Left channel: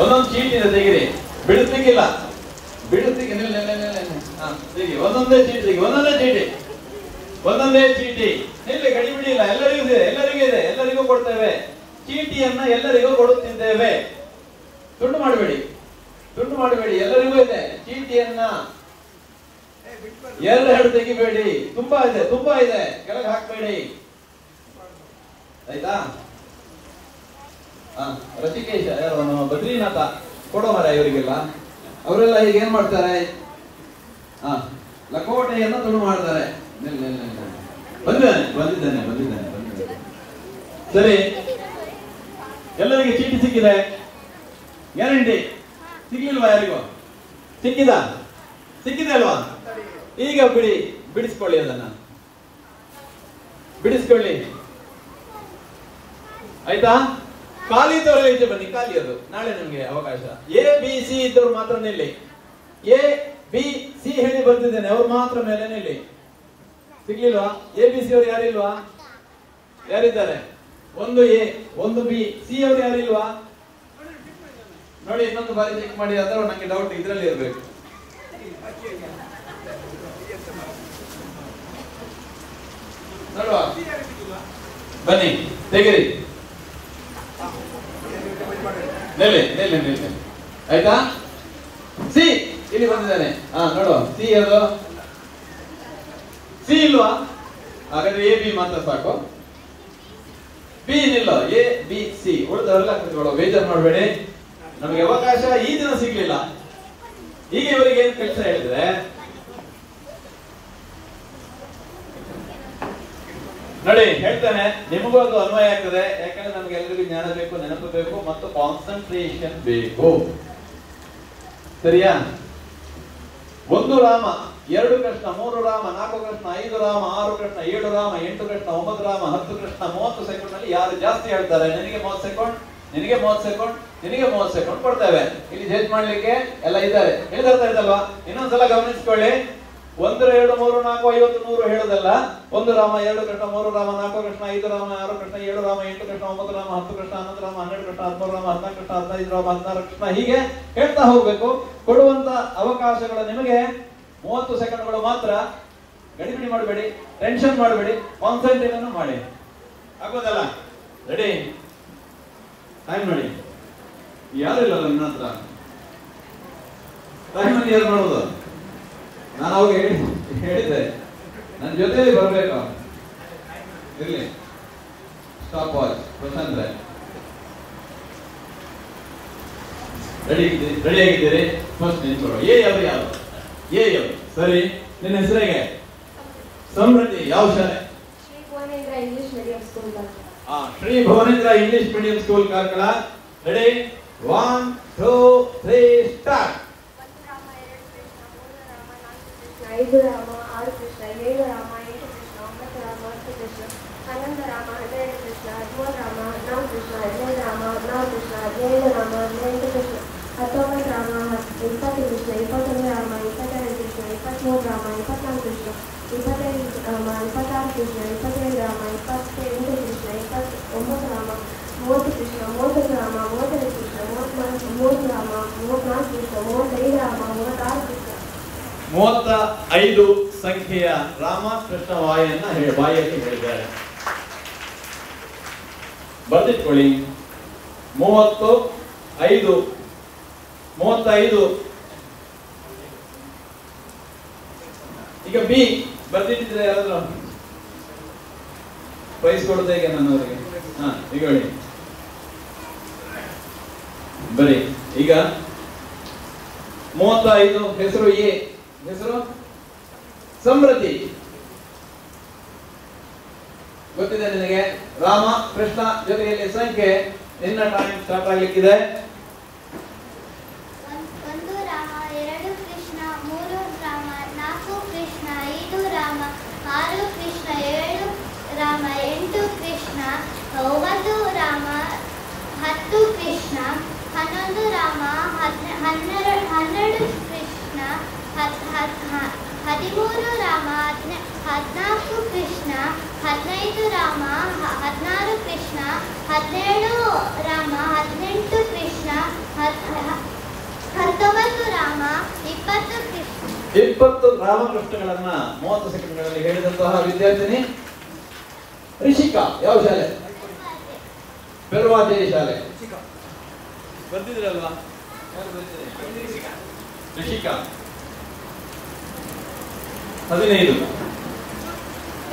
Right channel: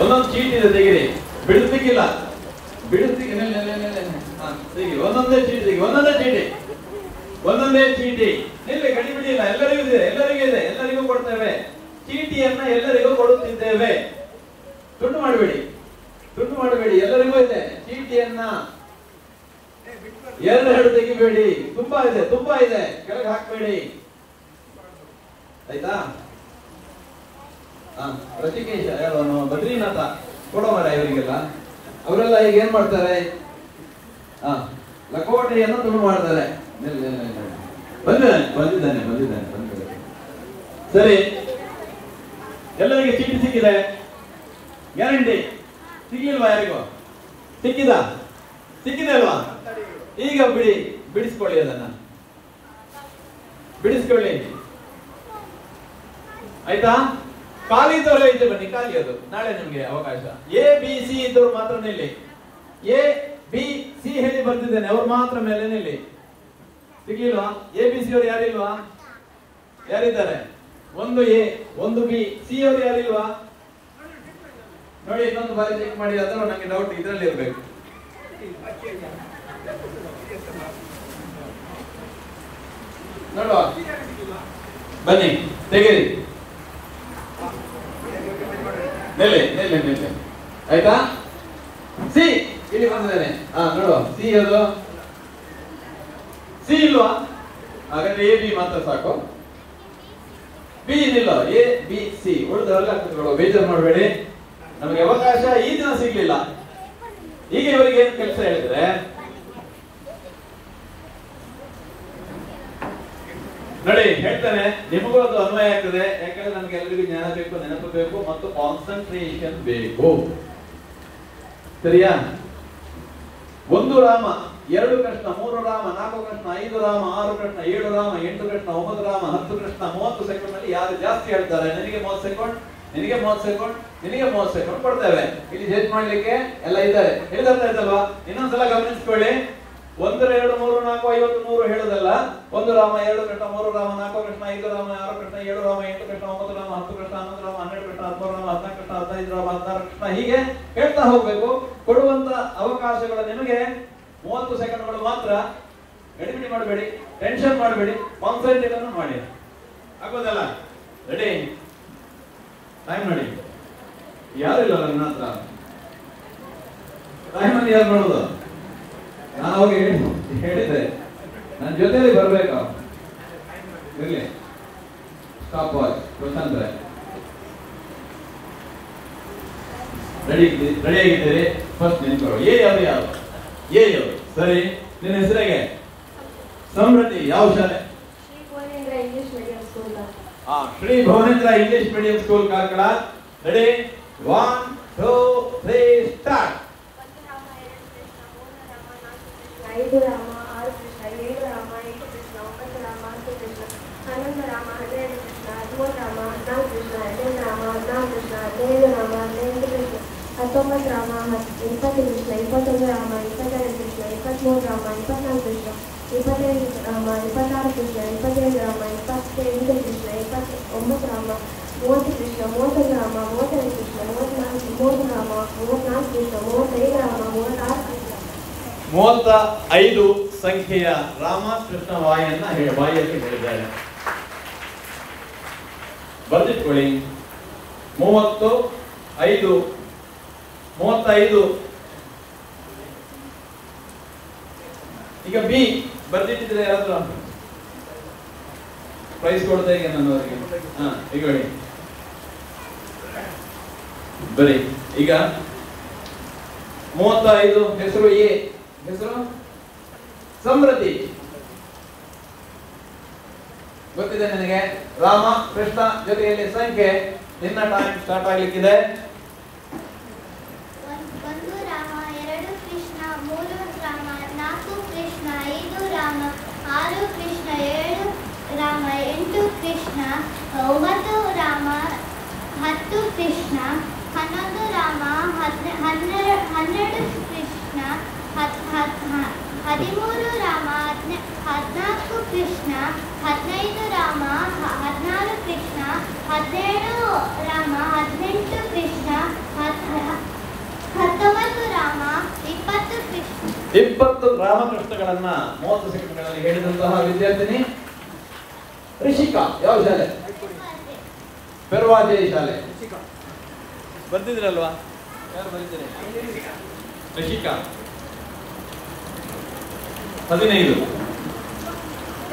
ಒಂದೊಂದು ಚೀಟಿ ಇದೆ, ತೆಗಿರಿ. ಬಿಡಿಸ್ಲಿಕ್ಕಿಲ್ಲ, ಬಿಡಿಸ್ಲಿಕ್ಕೆ ತೆಗಿ. ಒಂದೊಂದೇ ಚೀಟಿ ತೆಗಿ, ಒಂದೊಂದೇ ಚೀಟಿ, ಒಂದೊಂದೇ ಚೀಟಿ. ಇಲ್ಲಿ ಗಡಿಬಿಡಿ ಇಲ್ಲ, ಎಲ್ಲರಿಗೂ ಇದೆ, ಎಲ್ಲರಿಗೂ ಇದೆ, ಎಲ್ಲರಿಗೂ ಕೊಡ್ತೇವೆ. ಚೀಟಿಯನ್ನ ಎಲ್ಲರಿಗೂ ಕೊಡುತ್ತಿದ್ದೇವೆ. ತುಂಡು ಮಾಡಬೇಡಿ, ತುಂಡು ಮಾಡಬೇಡಿ, ಎಲ್ಲರಿಗೂ ಇದೆ ಚೀಟಿಯನ್ನ. ಎರಡು ತೆಗಿಬೇಡಿ, ತುಂಬಾ ಇದೆ, ತುಂಬಾ ಇದೆ, ಕೆಳಗೆ ಹಾಕ್ಬೇಡಿ, ಆಯ್ತಾ? ಋಷಿಕೇಶ ಯಾರು, ಬದ್ರಿನಾಥ ಕೊಡೋ ಮರ ಇವರಿಗೆಲ್ಲ. ಅವರೆಲ್ಲ ಈಗ ಏನ್ ಮಾಡ್ತಾರೆ, ಲಕೋಟೆಯನ್ನು ತುಂಡು ಮಾಡ್ತಾರೆ. ಬಂದಿದ್ದಾನೆ ಬಂದಿದ್ದಾನೆ ಬಂದಿದ್ದಾನೆ ಬಂದಿದ್ದಾನೆ. ಸರಿ, ಎಲ್ಲರಿಗೆ ಚೀಟಿ ಸಿಕ್ಕಿದೆ, ಗ್ಯಾರಂಟಿ. ಸಿಗ್ಲಿಲ್ವಾ ಯಾರಿಗೂ? ಸಿಕ್ಕಿದ? ಸಿಕ್ಕಿದೆ ಅಲ್ವಾ? ಈಗ ಬಿಡಿಸ್ಕೊಳ್ಳಿ, ಅದನ್ನ ಬಿಡಿಸ್ಕೊಳ್ಳಿ, ಆಯ್ತಾ? ಖಾಲಿ ಇದ್ದವರು ಈಚೆ ಬನ್ನಿ, ಖಾಲಿ ಅದು ನಾಳೆ ನಿಮ್ಗೆ ಅವಕಾಶ. ಎ ಬಿ ಸಿ ಇದ್ದವ್ರು ಮಾತ್ರ ನಿಲ್ಲಿ. ಎ ಬಿ ಸಿ ಹೇಳಿ ಬರ್ತಿದ್ದೇನೆ, ಅವ್ರು ಮಾತ್ರ ಮೇಲೆ ನಿಲ್ಲಿ. ಸಿಗ್ಲಿಲ್ಲ? ಎ ಬಿ ಸಿ ಅವರು ಯಾರಿಲ್ವಾ? ಯಾರಿದ್ದಾರೆ? ಒಂದು ಎ, ಒಂದು ಬಿ, ಸಿ ಅವರು ಯಾರಿಲ್ವಾ? ನೋಡಿ, ಇನ್ನೊಂದು ಬಾರಿ ಚೆಕ್ ಮಾಡಿ. ಅಥವಾ ನಂಗೆ ಡೌಟ್ ಇದ್ರಲ್ಲಿ ಇರ್ಬೇಕು. ನೋಡುವ, ಬನ್ನಿ ತೆಗಿರಿ, ಮೇಲೆ ಮೇಲೆ ಮೇಲೆ, ಆಯ್ತಾ? ಸಿ ಇಲ್ಲಿ ಬಂದಿದ್ದಾನೆ. ನೋಡುವ, ಸಿ ಅದು ಸಿ ಇಲ್ವಾ? ಹಾಗಾದ್ರೆ ಎ ಬಿ ಮಾತ್ರ ಸಾಕು, ಬಿ ಏನಿಲ್ಲ. ಎ ಬಿ ಸಿ ಉಳಿದವರೆಲ್ಲ ಕುತ್ಕೊಳ್ಳೋ, ಬೇಜಾರು ಮಾಡಬೇಡಿ. ನಮಗೆ ಅವಕಾಶ ಈ ದಿನ ಸಿಗ್ಲಿಲ್ಲ. ಈಗ ಇವರಿಗೆ ಏನ್ ಕೆಲಸ ಹೇಳಿದ್ರೆ, ನೋಡಿ ಹೇಳ್ತಾನೆ, ನಿಮಗೂ ಅದು ಅನ್ವಯ ಆಗ್ತದೆ. ಯಾಕಂದ್ರೆ ನಮ್ಗೆ ಎಲ್ಲರಿಗೂ ಜ್ಞಾನ ಬೇಕು, ನೆನಪು ಬೇಕು ಮತ್ತು ಕಾನ್ಸಂಟ್ರೇಷನ್ ಬೇಕು. ಸರಿಯಾ? 1 ರಾಮ 2 ಕೃಷ್ಣ 3 ರಾಮ 4 ಕೃಷ್ಣ 5 ರಾಮ 6 ಕೃಷ್ಣ 7 ರಾಮ 8 ಕೃಷ್ಣ 9 ರಾಮ 10 ಕೃಷ್ಣ 30 ಸೆಕೆಂಡ್ ನಲ್ಲಿ ಯಾರು ಜಾಸ್ತಿ ಹೇಳ್ತಾರೆ, ನಿನಗೆ 30 ಸೆಕೆಂಡ್, ನಿನಗೆ 30 ಸೆಕೆಂಡ್, ನಿನಗೆ 30 ಸೆಕೆಂಡ್ ಕೊಡ್ತೇವೆ. ಇಲ್ಲಿ ಜಡ್ಜ್ ಮಾಡ್ಲಿಕ್ಕೆ ಎಲ್ಲ ಇದ್ದಾರೆ. ಹೇಳಿದರ್ಥ ಆಯ್ತಲ್ವಾ? ಇನ್ನೊಂದ್ಸಲ ಗಮನಿಸ್ಕೊಳ್ಳಿ. 1 2 3 4 50 100 ಹೇಳೋದಲ್ಲ. 1 ರಾಮ 2 ಕೃಷ್ಣ 3 ರಾಮ 4 ಕೃಷ್ಣ 5 ರಾಮ 6 ಕೃಷ್ಣ 7 ರಾಮ 8 ಕೃಷ್ಣ 9 ರಾಮ 10 ಕೃಷ್ಣ 11 ರಾಮ 12 ಕೃಷ್ಣ 13 ರಾಮ 14 ಕೃಷ್ಣ 15 ರಾಮ 16 ಕೃಷ್ಣ, ಹೀಗೆ ಹೇಳ್ತಾ ಹೋಗ್ಬೇಕು. ಕೊಡುವಂತ ಅವಕಾಶಗಳು ನಿಮಗೆ 30 ಸೆಕೆಂಡ್ಗಳು ಮಾತ್ರ. ಗಡಿಬಿಡಿ ಮಾಡಬೇಡಿ, ಟೆನ್ಷನ್ ಮಾಡಬೇಡಿ, ಕಾನ್ಸಂಟ್ರೇಷನ್ ಮಾಡಿ. ಆಗೋದಲ್ಲ? ರೆಡಿ? ಟೈಮ್ ನೋಡಿ. ಯಾರಿಲ್ಲ ನನ್ನ ಹತ್ರ ಟೈಮ್ ಅಲ್ಲಿ ಯಾರು ನೋಡೋದು? ನಾನು ಅವಾಗ ಹೇಳಿದ್ದೆ, ನನ್ನ ಜೊತೆಲಿ ಬರ್ಬೇಕು. ಇರ್ಲಿ, ಸ್ಟಾಪ್ ವಾಚ್. ಪ್ರಶಾಂತ್ ರೆಡಿ ಆಗಿದ್ದೀರಿ? ಫಸ್ಟ್ ನಿಂತ್ಕೊಳ್ಳೋ. ಎ ಯಾರು? ಯಾರು ಎ ಯಾರು? ಸರಿ, ನಿನ್ನ ಹೆಸರಿಗೆ? ಸಮೃದ್ಧಿ. ಯಾವ ಶಾಲೆ? Shri Bhuvanendra English medium school Karkala. Ready? 1 2 3 start. 1 Rama 2 Krishna 3 Rama 4 Krishna 5 Rama 6 Krishna 7 Rama 8 Krishna 9 Rama 10 Krishna 11 Rama 12 Krishna 13 Rama 14 Krishna 15 Rama 14 Krishna 15 Rama 15 Krishna 19 Rama 20 Krishna 21 Rama 22 Krishna 23 Rama 24 Krishna 25 Rama 26 Krishna 27 Rama 28 Krishna 29 Rama 30 Krishna 30 Rama 32 Krishna 33 Rama 34 Krishna 35 Rama 36 Krishna. 35 ಸಂಖ್ಯೆಯ ರಾಮ ಕೃಷ್ಣ ಬಾಯಲ್ಲಿ ಹೇಳಿದ್ದಾರೆ. ಬರ್ದಿಟ್ಕೊಳ್ಳಿ. 35. ಈಗ ಬಿ ಬರ್ದಿಟ್ಟಿದ್ರೆ ಯಾರಾದ್ರೂ ಪ್ರೈಸ್ ಕೊಡ್ತಾ ಇದೆ ನನ್ನವರಿಗೆ. ಈಗ ಹೇಳಿ ಬರೀ. ಈಗ 35 ಹೆಸರು ಎ, ಹೆಸರು ಸಮೃದ್ಧಿ. ಗೊತ್ತಿದೆ ನನಗೆ. ರಾಮ ಕೃಷ್ಣ ಜೊತೆಯಲ್ಲಿ ಸಂಖ್ಯೆ. ನಿನ್ನ ಟೈಮ್ ಸ್ಟಾರ್ಟ್ ಆಗ್ಲಿಕ್ಕಿದೆ. 1 ರಾಮ 2 ಕೃಷ್ಣ 3 ರಾಮ 4 ಕೃಷ್ಣ 5 ರಾಮ 6 ಕೃಷ್ಣ 7 ರಾಮ 8 ಕೃಷ್ಣ 9 ರಾಮ 10 ಕೃಷ್ಣ 11 ರಾಮ 12 ಕೃಷ್ಣ 13 ರಾಮ 14 ಕೃಷ್ಣ 15 ರಾಮ 16 ಕೃಷ್ಣ 17 ರಾಮ 18 ಕೃಷ್ಣ 19 ರಾಮ 20 ಕೃಷ್ಣ. 20 ರಾಮಕೃಷ್ಣಗಳನ್ನ 30 ಸೆಕೆಂಡ್ಗಳಲ್ಲಿ ಹೇಳಿದಂತಹ ವಿದ್ಯಾರ್ಥಿನಿ ರಿಷಿಕಾ. ಯಾವ ಶಾಲೆ? ಪೆರ್ವಾಜೆ ಶಾಲೆ. ಬರ್ತಿದ್ರಲ್ವಾ? ಯಾರು ಬರ್ತೀರಿ? ರಿಷಿಕಾ 15.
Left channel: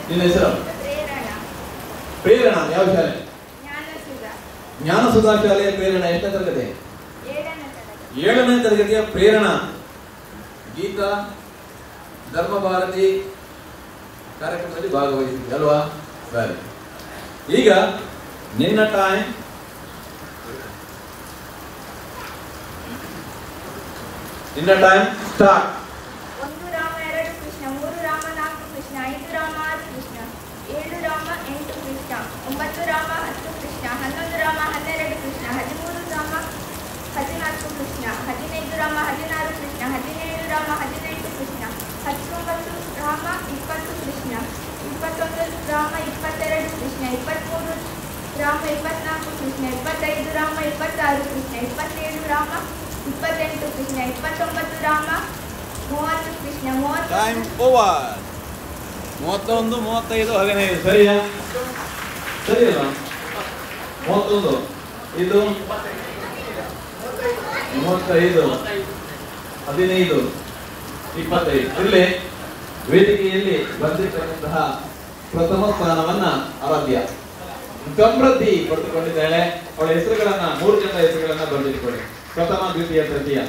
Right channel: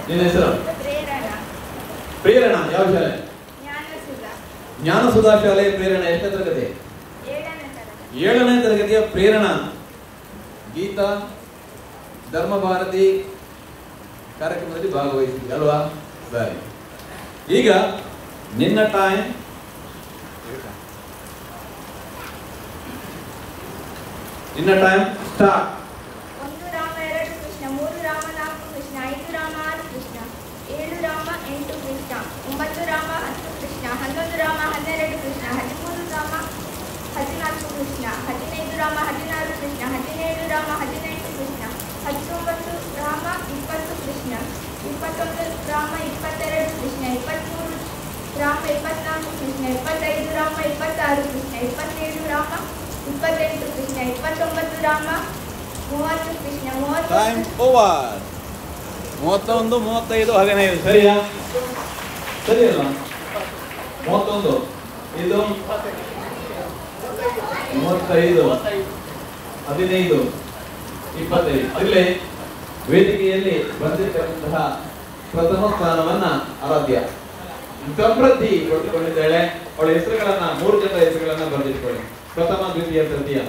ನಿನ್ನ ಹೆಸರು? ಪ್ರೇರಣಾ. ಯಾವ ಶಾಲೆ? ಜ್ಞಾನಸುಧಾ ಶಾಲೆ. ಪ್ರೇರಣಾ ಎಷ್ಟನೇ ತರಗತಿ? 7ನೇ ತರಗತಿಯ ಪ್ರೇರಣಾ ಗೀತಾ ಧರ್ಮ ಭಾರತಿ ಕಾರ್ಯಕ್ರಮದಲ್ಲಿ ಭಾಗವಹಿಸಿದ್ದೆ ಅಲ್ವಾ? ಸರಿ, ಈಗ ನಿನ್ನ ಟೈಮ್. ನಿನ್ನ ಟೈಮ್ ಸ್ಟಾರ್ಟ್. 1 ರಾಮ 2 ಕೃಷ್ಣ 3 ರಾಮ 4 ಕೃಷ್ಣ 5 ರಾಮ 6 ಕೃಷ್ಣ 7 ರಾಮ 8 ಕೃಷ್ಣ 9 ರಾಮ 10 ಕೃಷ್ಣ 11 ರಾಮ 12 ಕೃಷ್ಣ 13 ರಾಮ 14 ಕೃಷ್ಣ 15 ರಾಮ 16 ಕೃಷ್ಣ 17 ರಾಮ 18 ಕೃಷ್ಣ 19 ರಾಮ 20 ಕೃಷ್ಣ 21 ರಾಮ 22 ಕೃಷ್ಣ 23 ರಾಮ 24 ಕೃಷ್ಣ 25 ರಾಮ 26 ಕೃಷ್ಣ 27 ರಾಮ 28 ಕೃಷ್ಣ 29 ರಾಮ 30 ಕೃಷ್ಣ 31 35 15 ಸರಿಯಾ? ಸರಿ ಅಲ್ವಾ? 31 ಇದು 35 15 25. ಇಲ್ಲಿ ವೇದಿಕೆಯಲ್ಲಿ ಬಂದಿರತಕ್ಕಂತಹ ಪ್ರಥಮ ಸ್ಥಾನವನ್ನ ಆರಾಧ್ಯ ಸಮೃದ್ಧಿ ಪಡೆದುಕೊಂಡಿದ್ದಾಳೆ. ಅವಳ ಹೆಸರುಗಳನ್ನ 3 ಜನರ ಹೆಸರುಗಳನ್ನ ಬರೆದಿಟ್ಕೊಳ್ಳಿ. ಪ್ರಥಮ, ದ್ವಿತೀಯ, ತೃತೀಯ.